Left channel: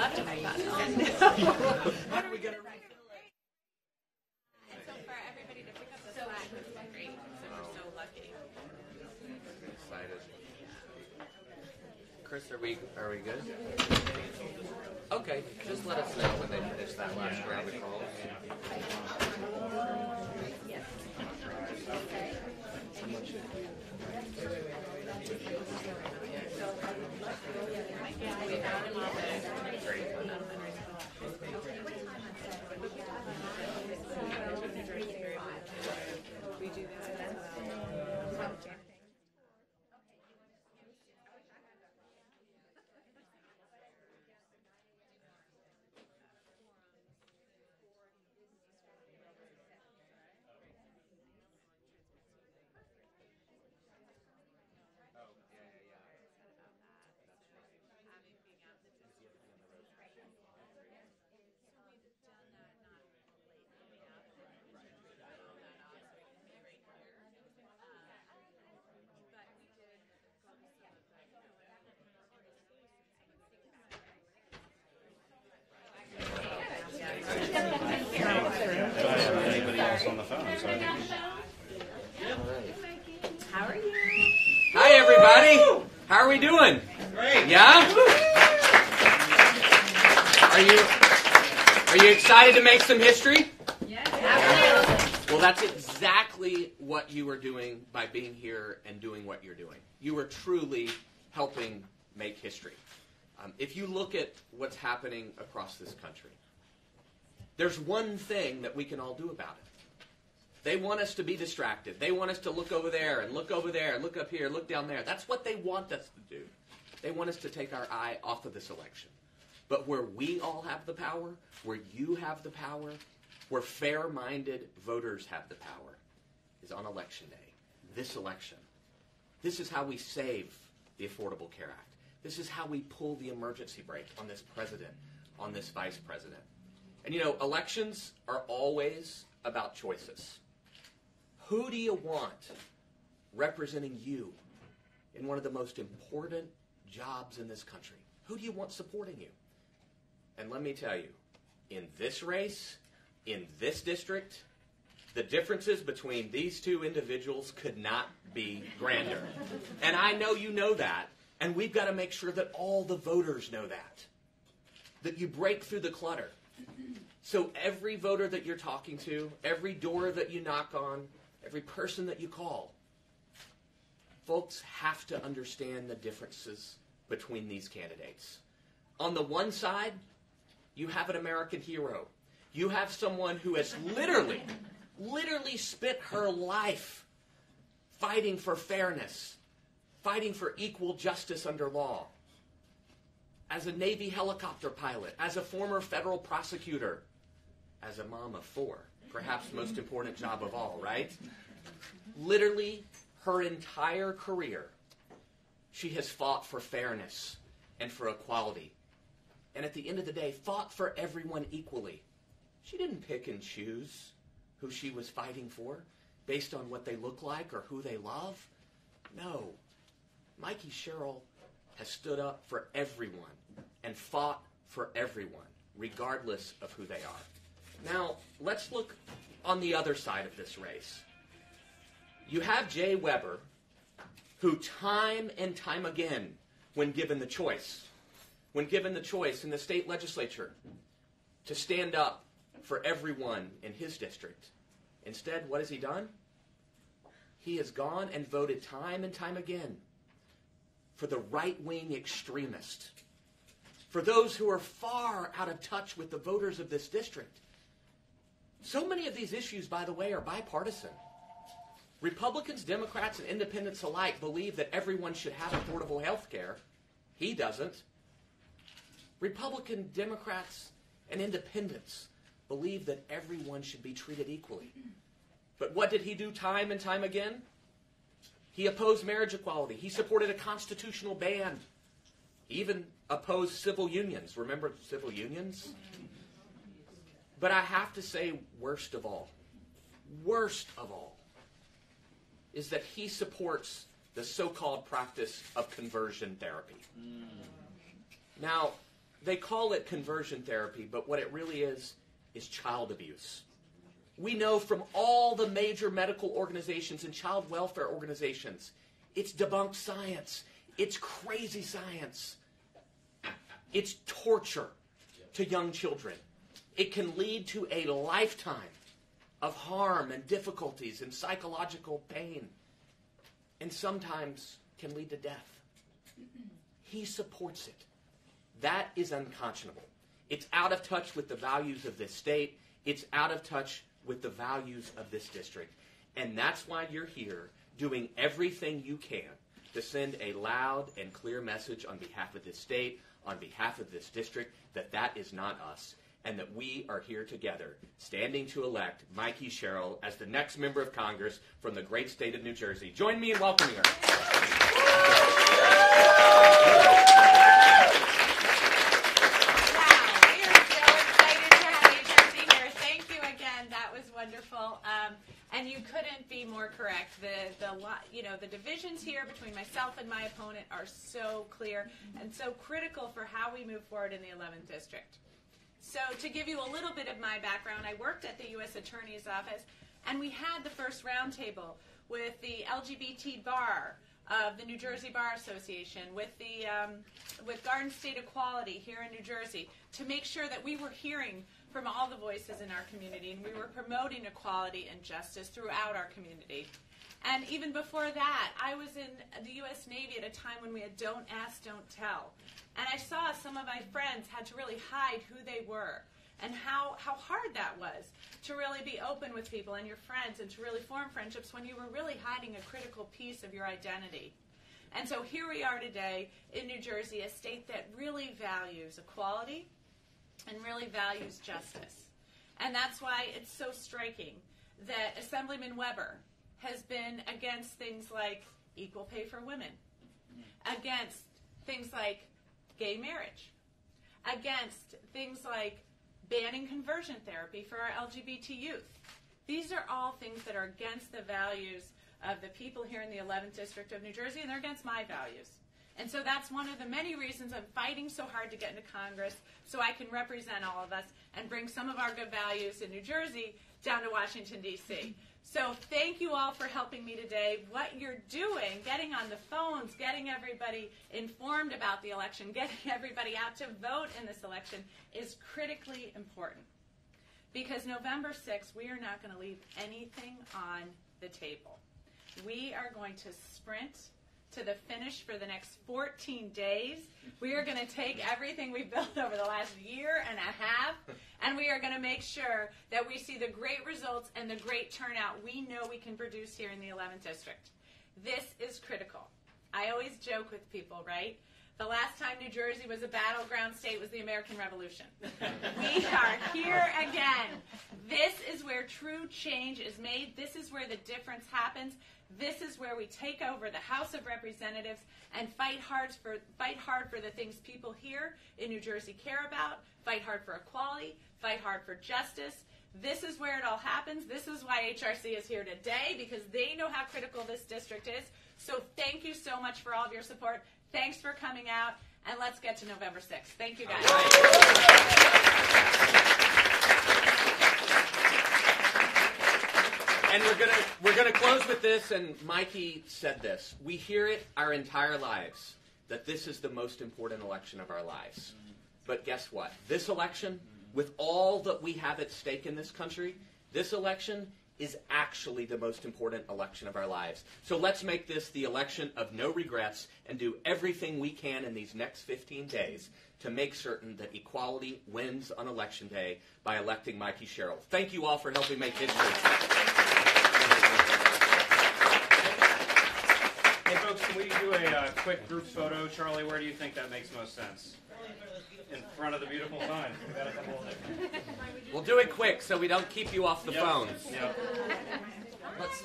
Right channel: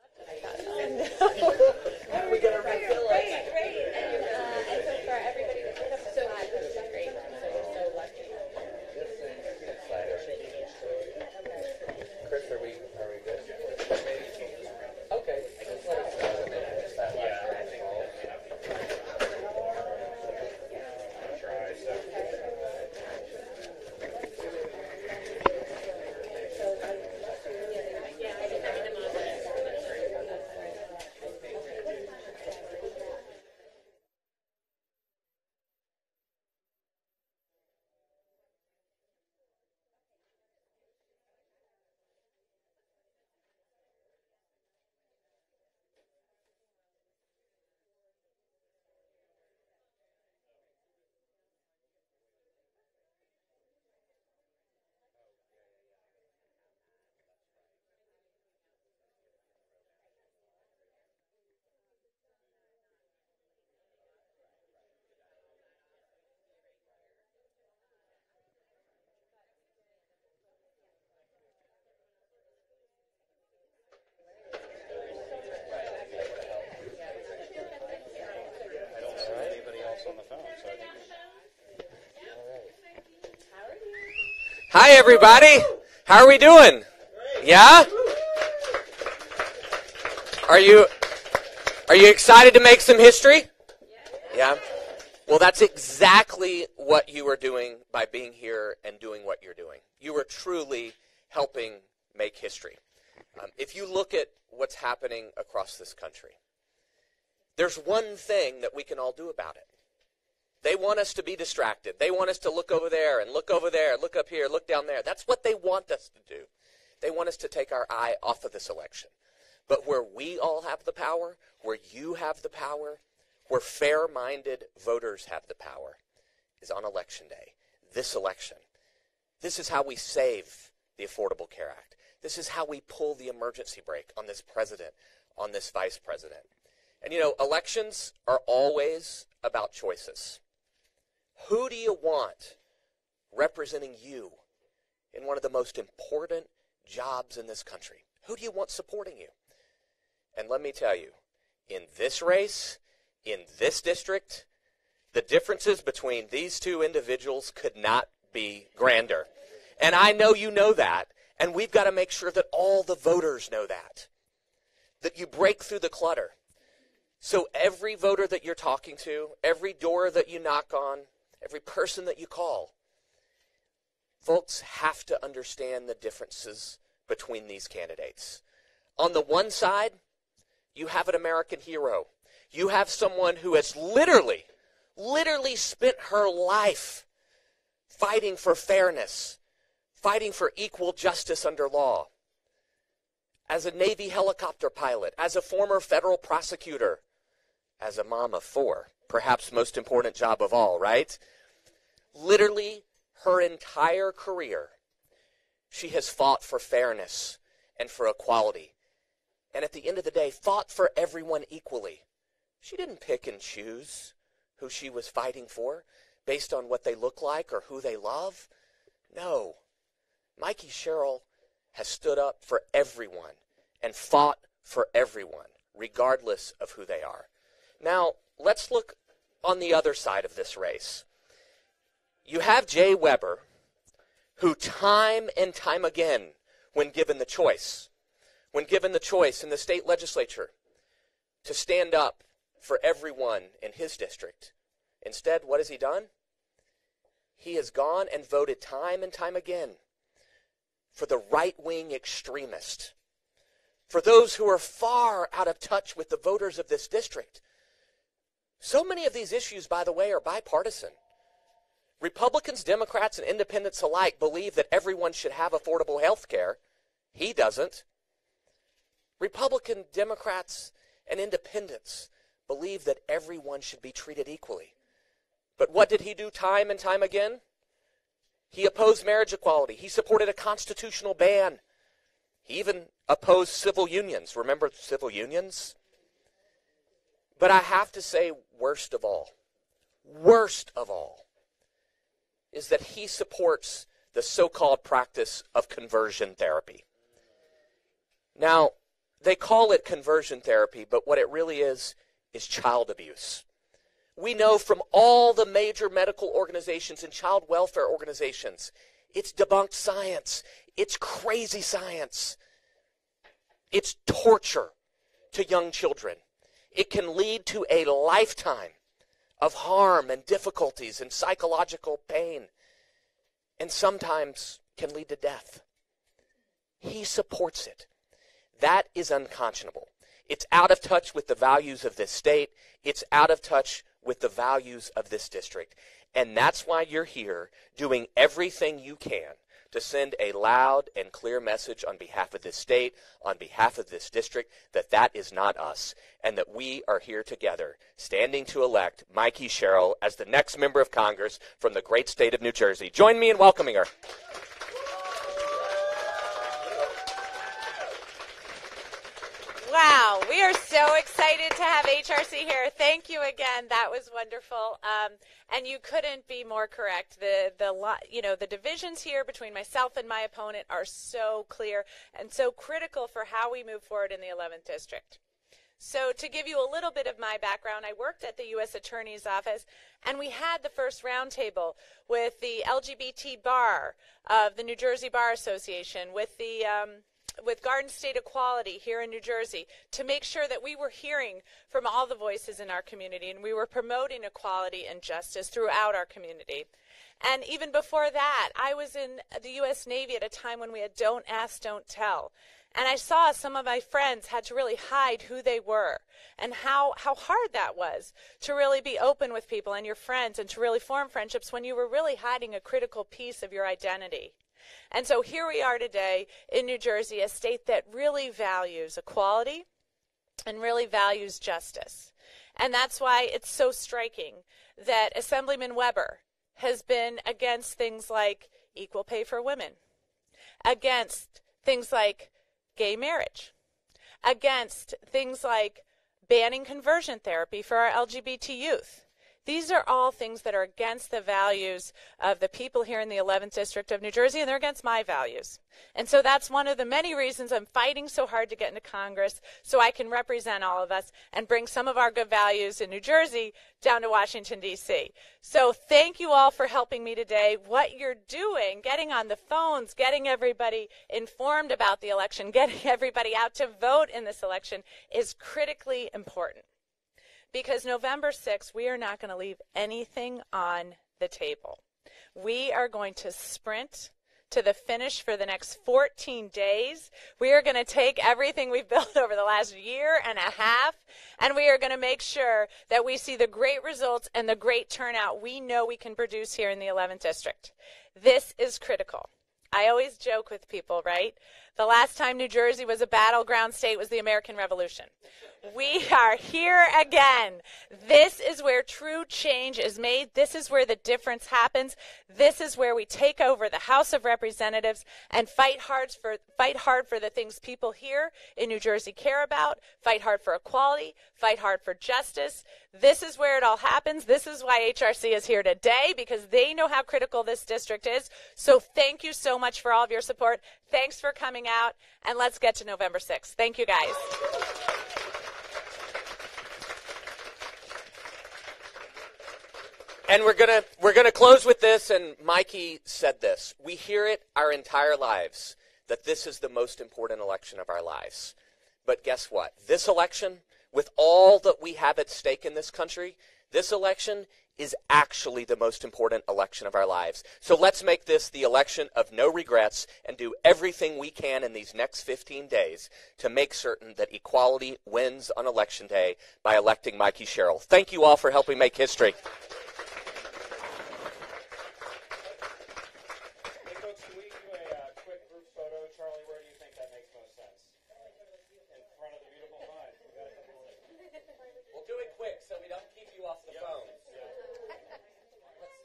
left and I got it. How are we going to refill it? Right. And so for everybody to pick up the flag, which is great. So we're so lucky. Chris, are we good? Okay, just let us know when they finish that last round of calls. Hi, everybody. How are we doing? Great. Yeah? Are you excited to make some history? Yeah. Well, that's exactly what you are doing by being here and doing what you're doing. You are truly helping make history. If you look at what's happening across this country, there's one thing that we can all do about it. They want us to be distracted. They want us to look over there and look over there, look up here, look down there. That's what they want us to do. They want us to take our eye off of this election. But where we all have the power, where you have the power, where fair-minded voters have the power, is on Election Day, this election. This is how we save the Affordable Care Act. This is how we pull the emergency brake on this president, on this vice president. And you know, elections are always about choices. Who do you want representing you in one of the most important jobs in this country? Who do you want supporting you? And let me tell you, in this race, in this district, the differences between these two individuals could not be grander. And I know you know that, and we've got to make sure that all the voters know that you break through the clutter. So every voter that you're talking to, every door that you knock on, every person that you call, folks have to understand the differences between these candidates. On the one side, you have an American hero. You have someone who has literally spent her life fighting for fairness, fighting for equal justice under law. As a Navy helicopter pilot, as a former federal prosecutor, as a mom of four, perhaps most important job of all, right? Literally, her entire career, she has fought for fairness and for equality. And at the end of the day, fought for everyone equally. She didn't pick and choose who she was fighting for based on what they look like or who they love. No. Mikie Sherrill has stood up for everyone and fought for everyone, regardless of who they are. Now, let's look on the other side of this race. You have Jay Weber, who time and time again, when given the choice in the state legislature to stand up for everyone in his district, instead, what has he done? He has gone and voted time and time again for the right-wing extremist, for those who are far out of touch with the voters of this district. So many of these issues, by the way, are bipartisan. Republicans, Democrats, and independents alike believe that everyone should have affordable health care. He doesn't. Republican, Democrats, and independents believe that everyone should be treated equally. But what did he do time and time again? He opposed marriage equality. He supported a constitutional ban. He even opposed civil unions. Remember civil unions? But I have to say, worst of all, is that he supports the so-called practice of conversion therapy. Now, They call it conversion therapy, but what it really is child abuse. We know from all the major medical organizations and child welfare organizations, it's debunked science. It's crazy science. It's torture to young children. It can lead to a lifetime of harm and difficulties and psychological pain, and sometimes can lead to death. He supports it. That is unconscionable. It's out of touch with the values of this state. It's out of touch with the values of this district. And that's why you're here doing everything you can to send a loud and clear message on behalf of this state, on behalf of this district, that that is not us, and that we are here together, standing to elect Mikie Sherrill as the next member of Congress from the great state of New Jersey. Join me in welcoming her. Wow, we are so excited to have HRC here. Thank you again. That was wonderful. And you couldn't be more correct. The divisions here between myself and my opponent are so clear and so critical for how we move forward in the 11th District. So to give you a little bit of my background, I worked at the U.S. Attorney's Office, and we had the first roundtable with the LGBT bar of the New Jersey Bar Association, with Garden State Equality here in New Jersey, to make sure that we were hearing from all the voices in our community, and we were promoting equality and justice throughout our community. And even before that, I was in the U.S. Navy at a time when we had Don't Ask, Don't Tell. And I saw some of my friends had to really hide who they were, and how hard that was to really be open with people and your friends and to really form friendships when you were really hiding a critical piece of your identity. And so here we are today in New Jersey, a state that really values equality and really values justice. And that's why it's so striking that Assemblyman Weber has been against things like equal pay for women, against things like gay marriage, against things like banning conversion therapy for our LGBT youth. These are all things that are against the values of the people here in the 11th District of New Jersey, and they're against my values. And so that's one of the many reasons I'm fighting so hard to get into Congress, so I can represent all of us and bring some of our good values in New Jersey down to Washington, D.C. So thank you all for helping me today. What you're doing, getting on the phones, getting everybody informed about the election, getting everybody out to vote in this election is critically important. Because November 6th, we are not going to leave anything on the table. We are going to sprint to the finish for the next 14 days. We are going to take everything we've built over the last year and a half, and we are going to make sure that we see the great results and the great turnout we know we can produce here in the 11th District. This is critical. I always joke with people, right? The last time New Jersey was a battleground state was the American Revolution. We are here again. This is where true change is made. This is where the difference happens. This is where we take over the House of Representatives and fight hard for the things people here in New Jersey care about, fight hard for equality, fight hard for justice. This is where it all happens. This is why HRC is here today, because they know how critical this district is. So thank you so much for all of your support. Thanks for coming out, and let's get to November 6th. Thank you, guys. And we're gonna close with this, and Mikie said this. We hear it our entire lives, that this is the most important election of our lives. But guess what? This election, with all that we have at stake in this country, this election is actually the most important election of our lives. So let's make this the election of no regrets and do everything we can in these next 15 days to make certain that equality wins on Election Day by electing Mikie Sherrill. Thank you all for helping make history. Hey folks, can we do a quick group photo? Charlie, where do you think that makes most sense? In front of the beautiful sign. We got a couple of them. We'll do it quick so we don't keep you off the phones. Yep. Let's